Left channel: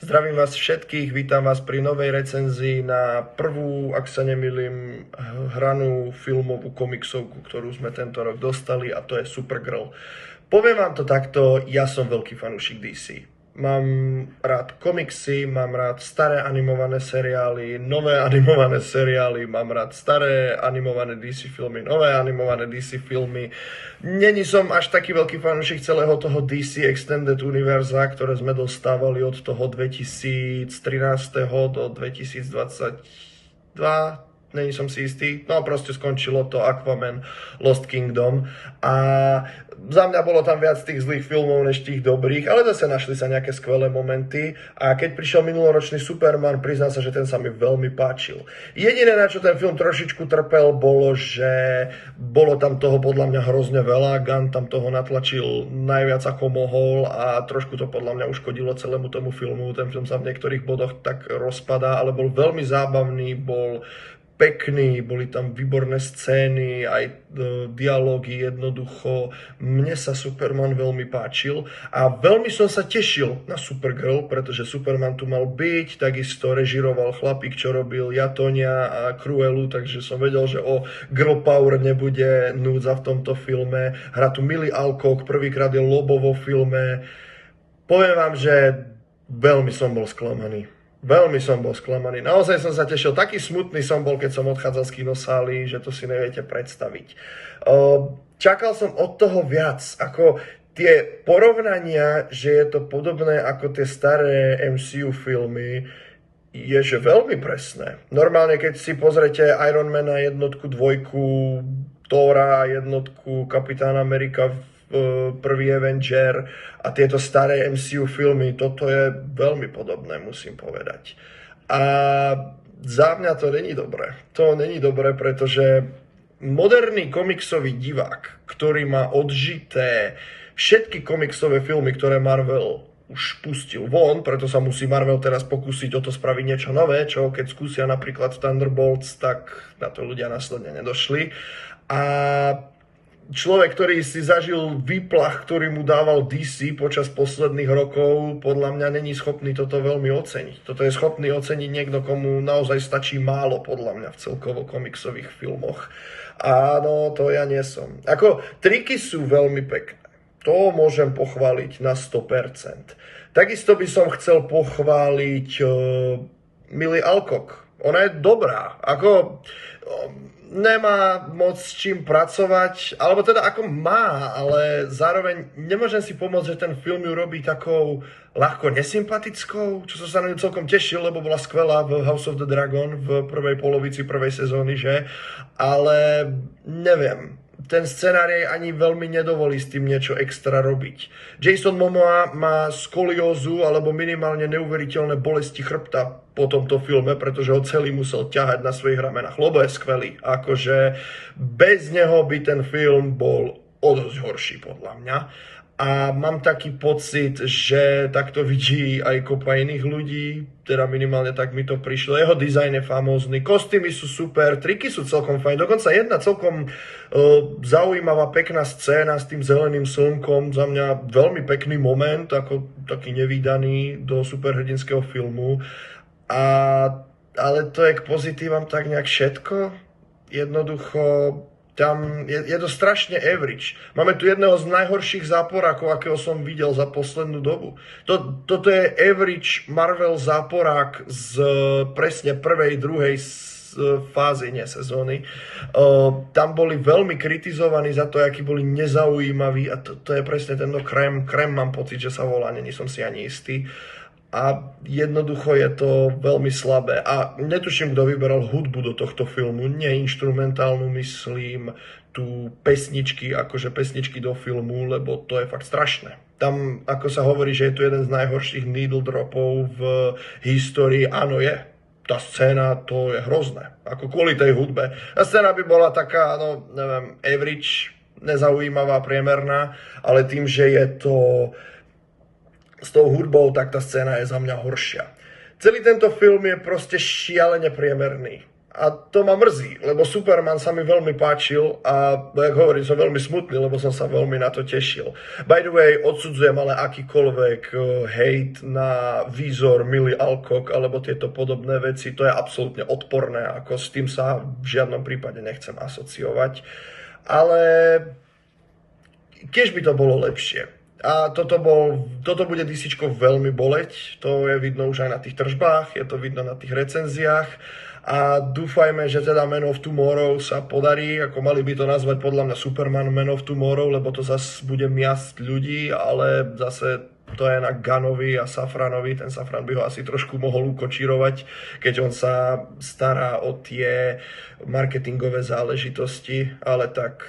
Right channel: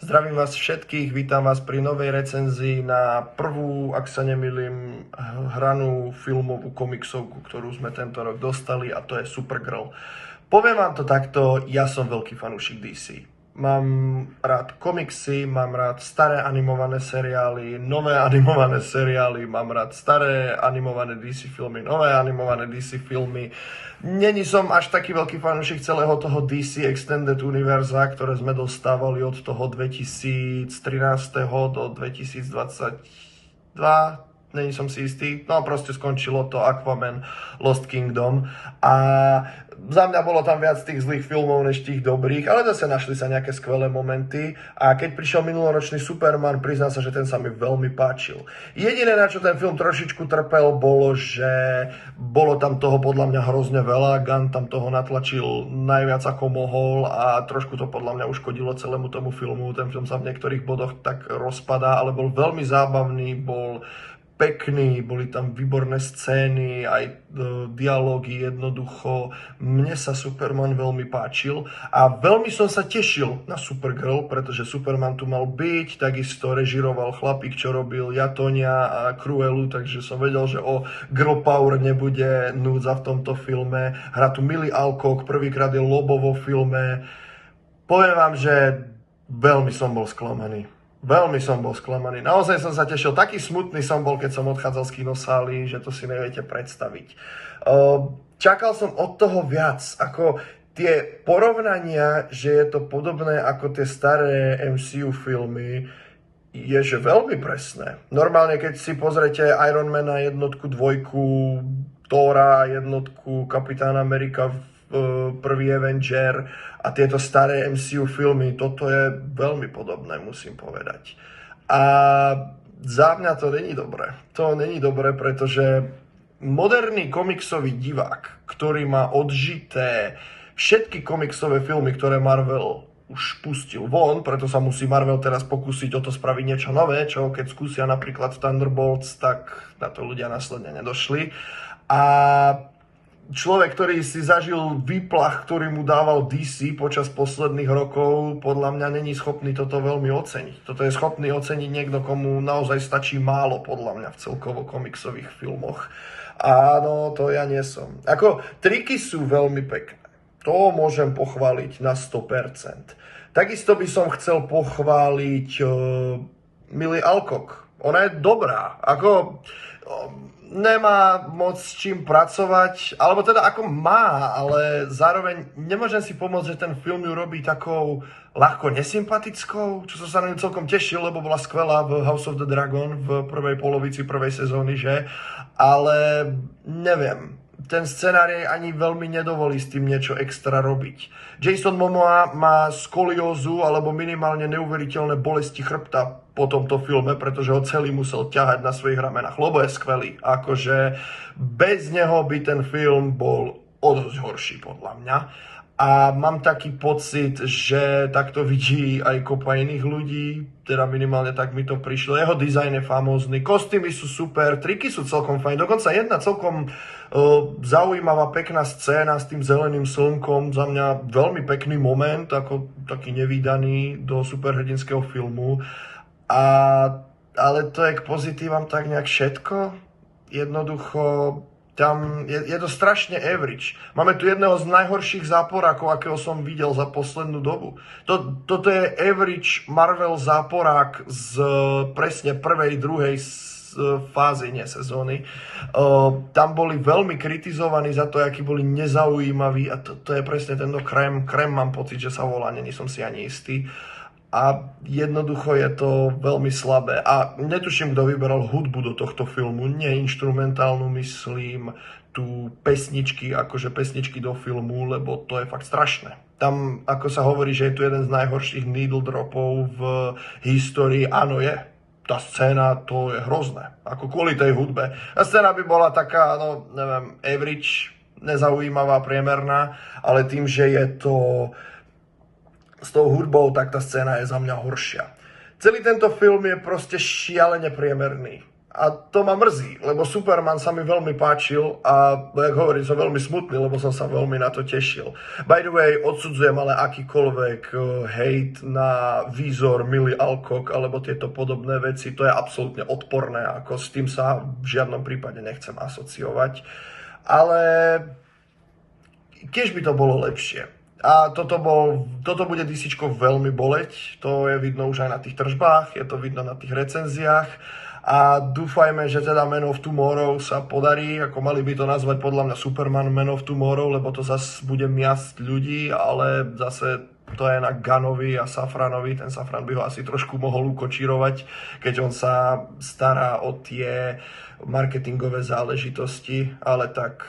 Zdravím vás všetkých, vítam vás pri novej recenzii na prvú, ak sa nemýlim, hranú filmovú komiksovku, ktorú sme tento rok dostali, a to je Supergirl. Poviem vám to takto, ja som veľký fanúšik DC. Mám rád komiksy, mám rád staré animované seriály, nové animované seriály, mám rád staré animované DC filmy, nové animované DC filmy. Není som až taký veľký fanúšik celého toho DC Extended Univerza, ktoré sme dostávali od toho 2013. do 2022. Není som si istý, no proste skončilo to Aquaman Lost Kingdom a za mňa bolo tam viac tých zlých filmov než tých dobrých, ale zase našli sa nejaké skvelé momenty a keď prišiel minuloročný Superman, priznám sa, že ten sa mi veľmi páčil. Jediné, na čo ten film trošičku trpel, bolo, že bolo tam toho podľa mňa hrozne veľa, Gunn tam toho natlačil najviac ako mohol a trošku to podľa mňa uškodilo celému tomu filmu. Ten film sa v niektorých bodoch tak rozpadá, ale bol veľmi zábavný, bol pekný, boli tam výborné scény, aj dialógy jednoducho. Mne sa Superman veľmi páčil a veľmi som sa tešil na Supergirl, pretože Superman tu mal byť, takisto režiroval chlapík, čo robil Jatonia a Cruelu, takže som vedel, že o Girl Power nebude núdza v tomto filme. Hrá tu Millie Alcock, prvýkrát je Lobo vo filme. Poviem vám, že veľmi som bol sklamaný. Veľmi som bol sklamaný. Naozaj som sa tešil. Taký smutný som bol, keď som odchádzal z kinosály, že to si neviete predstaviť. Čakal som od toho viac. Ako tie porovnania, že je to podobné ako tie staré MCU filmy, je že veľmi presné. Normálne, keď si pozrete Iron Mana jednotku, dvojku, Thora jednotku, Kapitán Amerika, prvý Avenger a tieto staré MCU filmy, toto je veľmi podobné, musím povedať. A za mňa to není dobré. To není dobré, pretože moderný komiksový divák, ktorý má odžité všetky komiksové filmy, ktoré Marvel už pustil von, preto sa musí Marvel teraz pokúsiť o to spraviť niečo nové, čo keď skúsia napríklad Thunderbolts, tak na to ľudia následne nedošli. A človek, ktorý si zažil výplach, ktorý mu dával DC počas posledných rokov, podľa mňa není schopný toto veľmi oceniť. Toto je schopný oceniť niekto, komu naozaj stačí málo, podľa mňa, v celkovo komiksových filmoch. Áno, to ja nie som. Ako, triky sú veľmi pekné. To môžem pochváliť na 100%. Takisto by som chcel pochváliť Millie Alcock. Ona je dobrá. Ako nemá moc s čím pracovať, alebo teda ako má, ale zároveň nemôžem si pomôcť, že ten film ju robí takou ľahko nesympatickou, čo som sa na ňu celkom tešil, lebo bola skvelá v House of the Dragon v prvej polovici prvej sezóny, že? Ale neviem, ten scenár jej ani veľmi nedovolí s tým niečo extra robiť. Jason Momoa má skoliózu alebo minimálne neuveriteľné bolesti chrbta po tomto filme, pretože ho celý musel ťahať na svojich ramenách, lebo je skvelý. Akože bez neho by ten film bol o dosť horší, podľa mňa. A mám taký pocit, že takto vidí aj kopa iných ľudí, teda minimálne tak mi to prišlo. Jeho dizajn je famózny, kostýmy sú super, triky sú celkom fajn, dokonca jedna celkom zaujímavá, pekná scéna s tým zeleným slnkom, za mňa veľmi pekný moment, ako taký nevídaný do superhrdinského filmu. Ale to je k pozitívam tak nejak všetko. Jednoducho tam je to strašne average. Máme tu jedného z najhorších záporákov, akého som videl za poslednú dobu. Toto je average Marvel záporák z presne prvej, druhej fázy, nie sezóny. Tam boli veľmi kritizovaní za to, akí boli nezaujímaví a to je presne tento krém. Krém mám pocit, že sa volá, není som si ani istý. A jednoducho je to veľmi slabé. A netuším, kto vyberal hudbu do tohto filmu. Nie inštrumentálnu, myslím, tu pesničky, akože pesničky do filmu, lebo to je fakt strašné. Tam, ako sa hovorí, že je tu jeden z najhorších needle dropov v histórii, áno je. Tá scéna, to je hrozné. Ako kvôli tej hudbe. Tá scéna by bola taká, no neviem, average, nezaujímavá, priemerná, ale tým, že je to s tou hudbou, tak tá scéna je za mňa horšia. Celý tento film je proste šialene priemerný. A to ma mrzí, lebo Superman sa mi veľmi páčil a, jak hovorím, som veľmi smutný, lebo som sa veľmi na to tešil. By the way, odsudzujem ale akýkoľvek hate na výzor Millie Alcock alebo tieto podobné veci, to je absolútne odporné, ako s tým sa v žiadnom prípade nechcem asociovať. Ale keď by to bolo lepšie. A toto bude DCčko veľmi boleť, to je vidno už aj na tých tržbách, je to vidno na tých recenziách. A dúfajme, že teda Man of Tomorrow sa podarí, ako mali by to nazvať podľa mňa Superman Man of Tomorrow, lebo to zase bude miasť ľudí, ale zase to je na Gunnovi a Safranovi, ten Safran by ho asi trošku mohol ukočírovať, keď on sa stará o tie marketingové záležitosti, ale tak...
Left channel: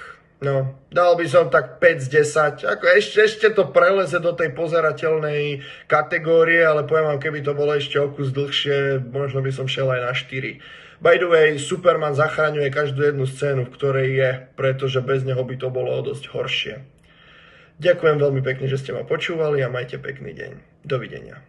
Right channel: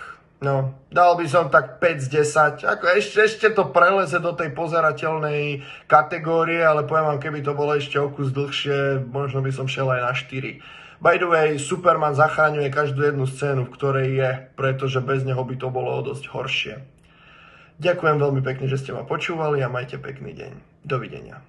No, dal by som tak 5 z 10, ako ešte to preleze do tej pozerateľnej kategórie, ale poviem vám, keby to bolo ešte o kus dlhšie, možno by som šiel aj na 4. By the way, Superman zachraňuje každú jednu scénu, v ktorej je, pretože bez neho by to bolo o dosť horšie. Ďakujem veľmi pekne, že ste ma počúvali a majte pekný deň. Dovidenia.